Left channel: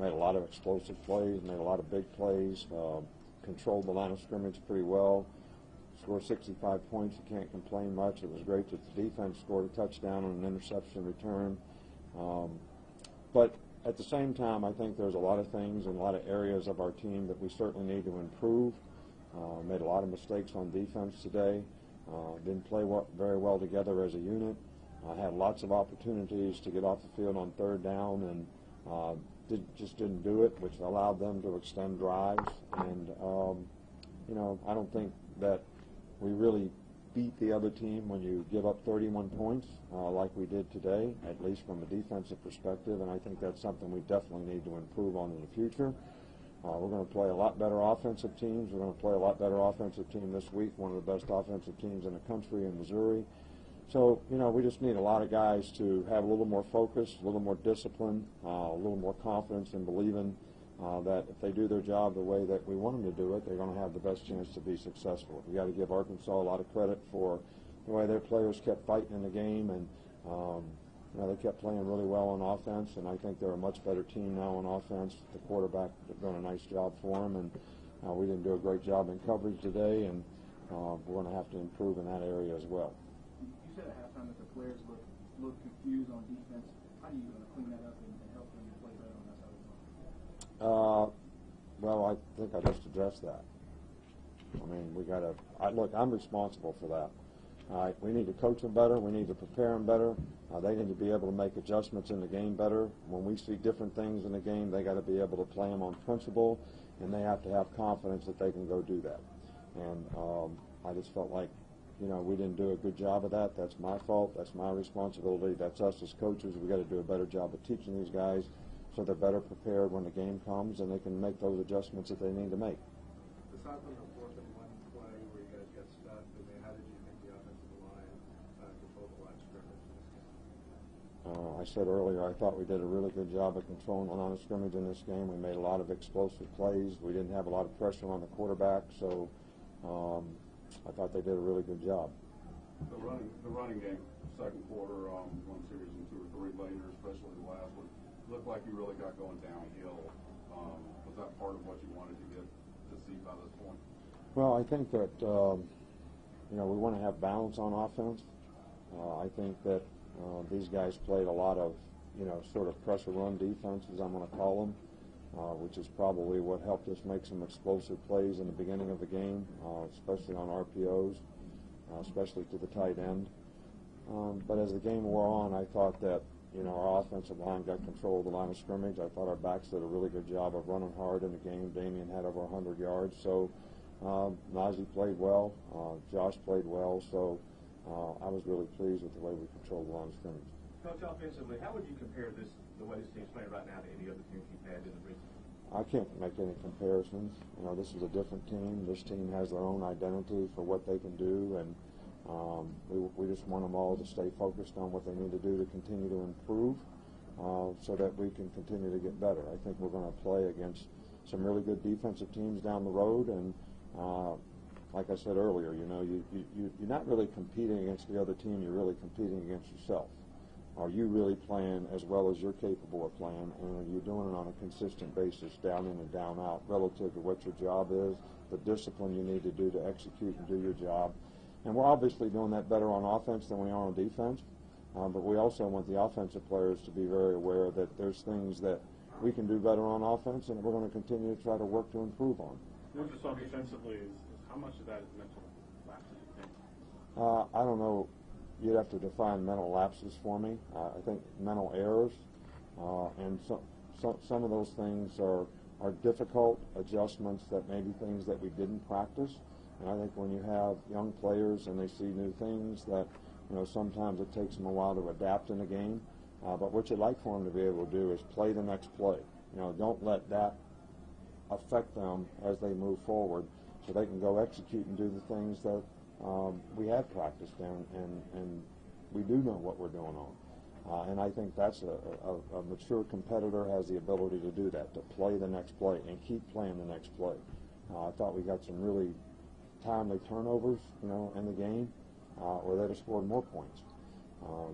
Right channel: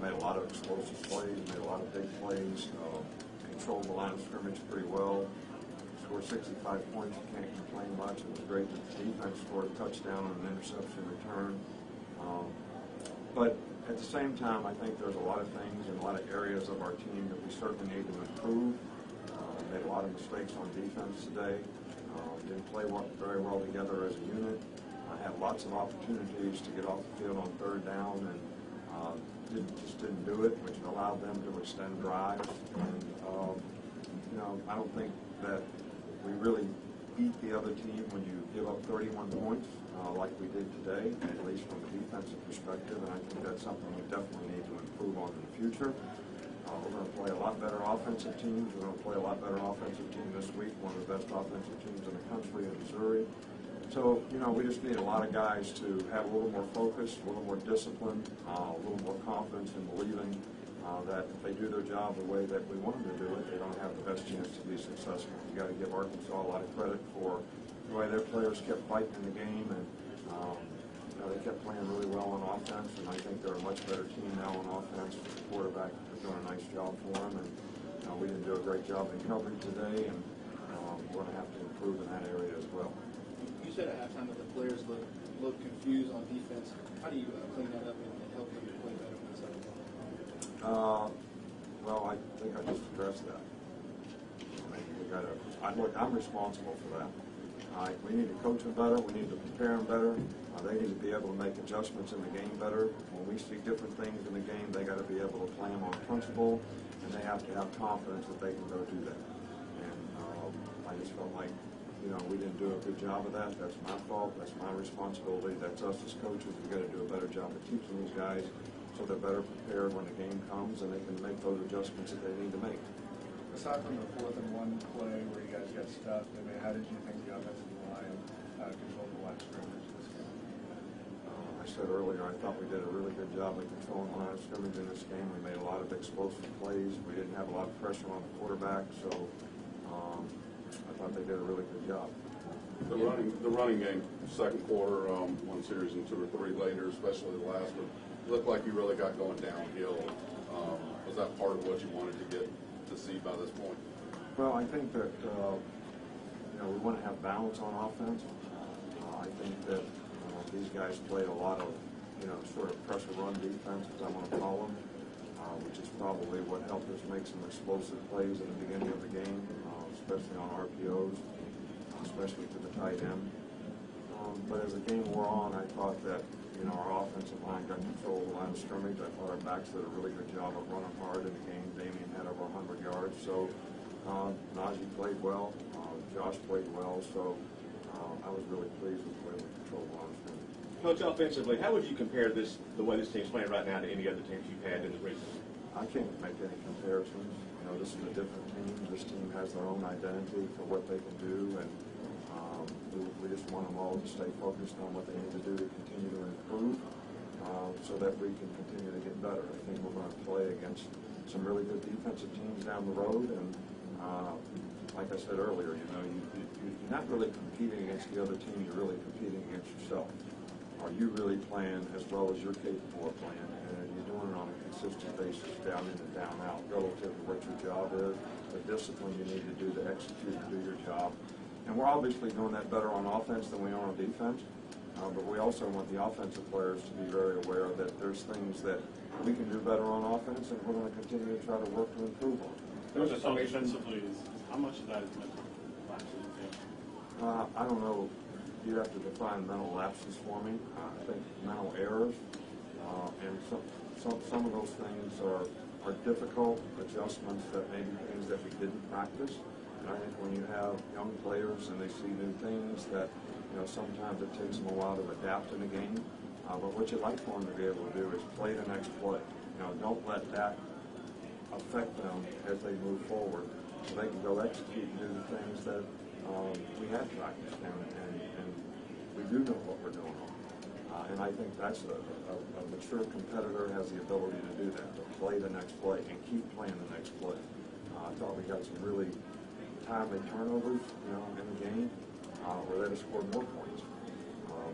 made a lot of explosive plays, made a lot of big plays, controlled the line of scrimmage pretty well. Scored 65 points, you can't complain much. It was great that the defense scored a touchdown on an interception return. But at the same time, I think there's a lot of things and a lot of areas of our team that we certainly need to improve. Made a lot of mistakes on defense today. Didn't play very well together as a unit. Had lots of opportunities to get off the field on third down and just didn't do it, which allowed them to extend drives. And, I don't think that we really beat the other team when you give up 31 points like we did today, at least from a defensive perspective, and I think that's something we definitely need to improve on in the future. We're going to play a lot better offensive teams. We're going to play a lot better offensive team this week, one of the best offensive teams in the country in Missouri. So, we just need a lot of guys to have a little more focus, a little more discipline, a little more confidence in believing that if they do their job the way that we want them to do it, they're going to have the best chance to be successful. You got to give Arkansas a lot of credit for the way their players kept fighting in the game, and they kept playing really well on offense, and I think they're a much better team now on offense. The quarterback has done a nice job for them, and we didn't do a great job in coverage today, and we're going to have to improve in that area as well. You said at halftime that the players look confused on defense. How do you clean that up and help them to play better on that side of the ball? Well, I think I just addressed that. I mean, we got to. Look, I'm responsible for that. We need to coach them better. We need to prepare them better. They need to be able to make adjustments in the game better. When we see different things in the game, they got to be able to play them on principle, and they have to have confidence that they can go do that. And I just felt like, we didn't do a good job of that. That's my fault. That's my responsibility. That's us as coaches. We've got to do a better job of teaching these guys so they're better prepared when the game comes and they can make those adjustments that they need to make. Aside from the 4th and 1 play where you guys got stuffed, how did you think the offensive line controlled the line of scrimmage this game? I said earlier, I thought we did a really good job of controlling the line of scrimmage in this game. We made a lot of explosive plays. We didn't have a lot of pressure on the quarterback, so I thought they did a really good job. The running game, second quarter, one series and 2 or 3 later, especially the last one, looked like you really got going downhill. Was that part of what you wanted to get to see by this point? Well, I think that we want to have balance on offense. I think that these guys played a lot of sort of pressure run defense, as I want to call them, which is probably what helped us make some explosive plays in the beginning of the game, especially on RPOs, especially to the tight end. But as the game wore on, I thought that our offensive line got control of the line of scrimmage. I thought our backs did a really good job of running hard in the game. Damian had over 100 yards. So Najee played well. Josh played well. So I was really pleased with the way we controlled the line of scrimmage. Coach, offensively, how would you compare the way this team's playing right now to any other teams you've had in the recent? I can't make any comparisons. This is a different team. This team has their own identity for what they can do, and we just want them all to stay focused on what they need to do to continue to improve so that we can continue to get better. I think we're going to play against some really good defensive teams down the road, and like I said earlier, you're not really competing against the other team, you're really competing against yourself. Are you really playing as well as you're capable of playing, and are you doing it on a consistent basis, down in and down out, relative to what your job is, the discipline you need to do to execute and do your job. And we're obviously doing that better on offense than we are on defense, but we also want the offensive players to be very aware that there's things that we can do better on offense, and we're going to continue to try to work to improve on. There's a song defensively. How much of that is mental lapses, you think? I don't know. You'd have to define mental lapses for me. I think mental errors, and some of those things are difficult adjustments that may be things that we didn't practice. And I think when you have young players and they see new things that, sometimes it takes them a while to adapt in the game. But what you'd like for them to be able to do is play the next play. Don't let that affect them as they move forward, so they can go execute and do the things that we had practiced and we do know what we're doing on. And I think that's a mature competitor has the ability to do that, to play the next play and keep playing the next play. I thought we had some really timely turnovers, in the game, where they'd have scored more points.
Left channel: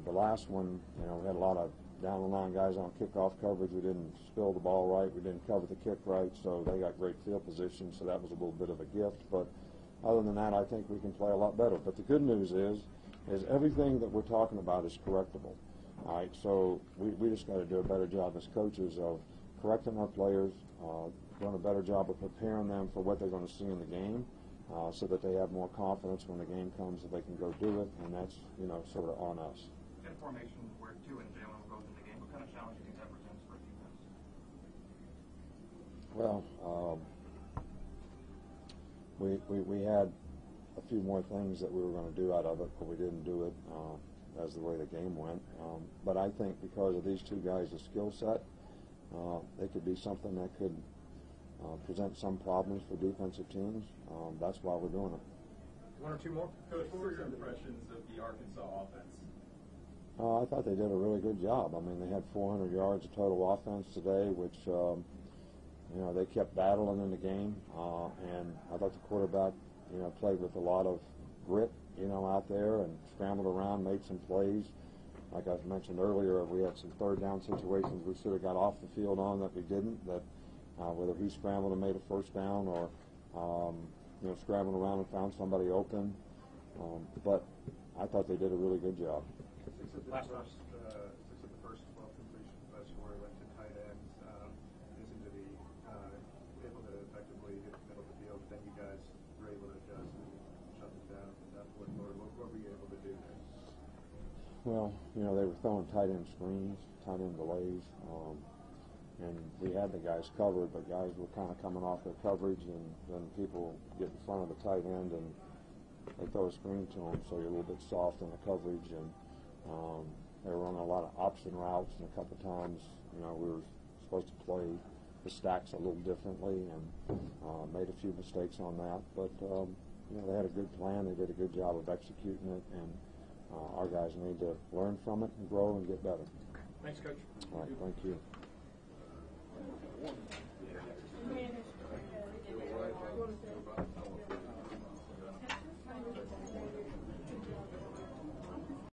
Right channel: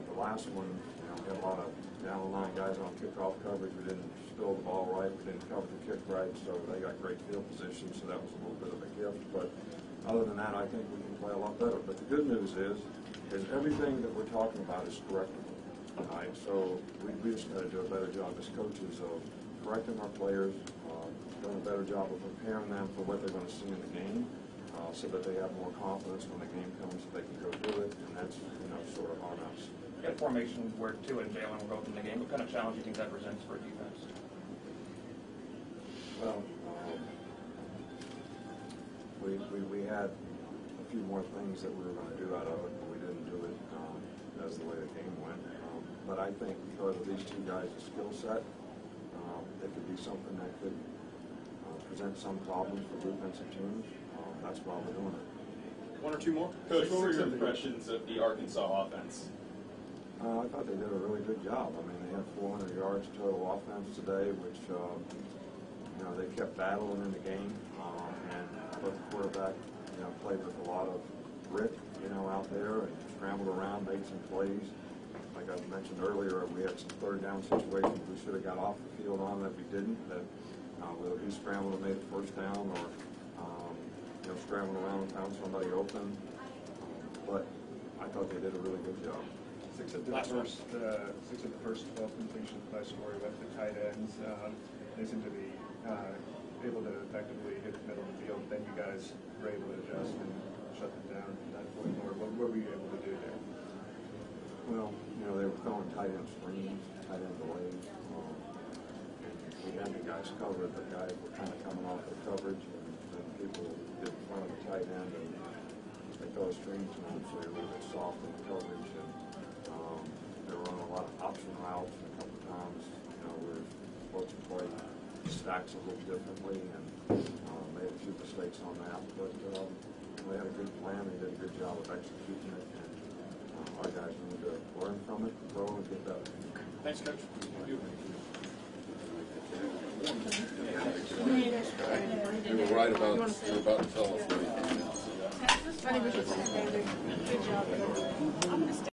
The last one, we had a lot of down the line guys on kickoff coverage. We didn't spill the ball right. We didn't cover the kick right, so they got great field position, so that was a little bit of a gift. But other than that, I think we can play a lot better. But the good news is everything that we're talking about is correctable. All right, so we just got to do a better job as coaches of correcting our players, doing a better job of preparing them for what they're going to see in the game, so that they have more confidence when the game comes that they can go do it, and that's sort of on us. Get formation where Tua and Jalen will go in the game. What kind of challenge do you think that presents for defense? Well, we had a few more things that we were going to do out of it, but we didn't do it as the way the game went. But I think because of these two guys' skill set, it could be something that could present some problems for defensive teams. That's why we're doing it. One or two more? Coach, what were your impressions of the Arkansas offense? I thought they did a really good job. I mean, they had 400 yards total offense today, which, they kept battling in the game. And I thought the quarterback, played with a lot of grit, out there and scrambled around, made some plays. Like I mentioned earlier, we had some third down situations we should have got off the field on that we didn't, that whether he scrambled and made a first down or, scrambled around and found somebody open. But I thought they did a really good job. Six of the first 12 completions by Story went to tight ends. They seem to be able to effectively hit the middle of the field. Then you guys were able to adjust and shut them down from that point forward. What were you able to do there? Well, they were throwing tight end screens, tight end delays, and we had the guys covered. The guys were kind of coming off their coverage, and then people get in front of the tight end and they throw a screen to them, so you're a little bit soft on the coverage. And they were on a lot of option routes, and a couple times, we were supposed to play the stacks a little differently, and made a few mistakes on that. But they had a good plan and did a good job of executing it. And our guys need to learn from it and grow and get better. Thanks, Coach. All right, thank you. You were right about, you were about to tell us. I think we should say good job.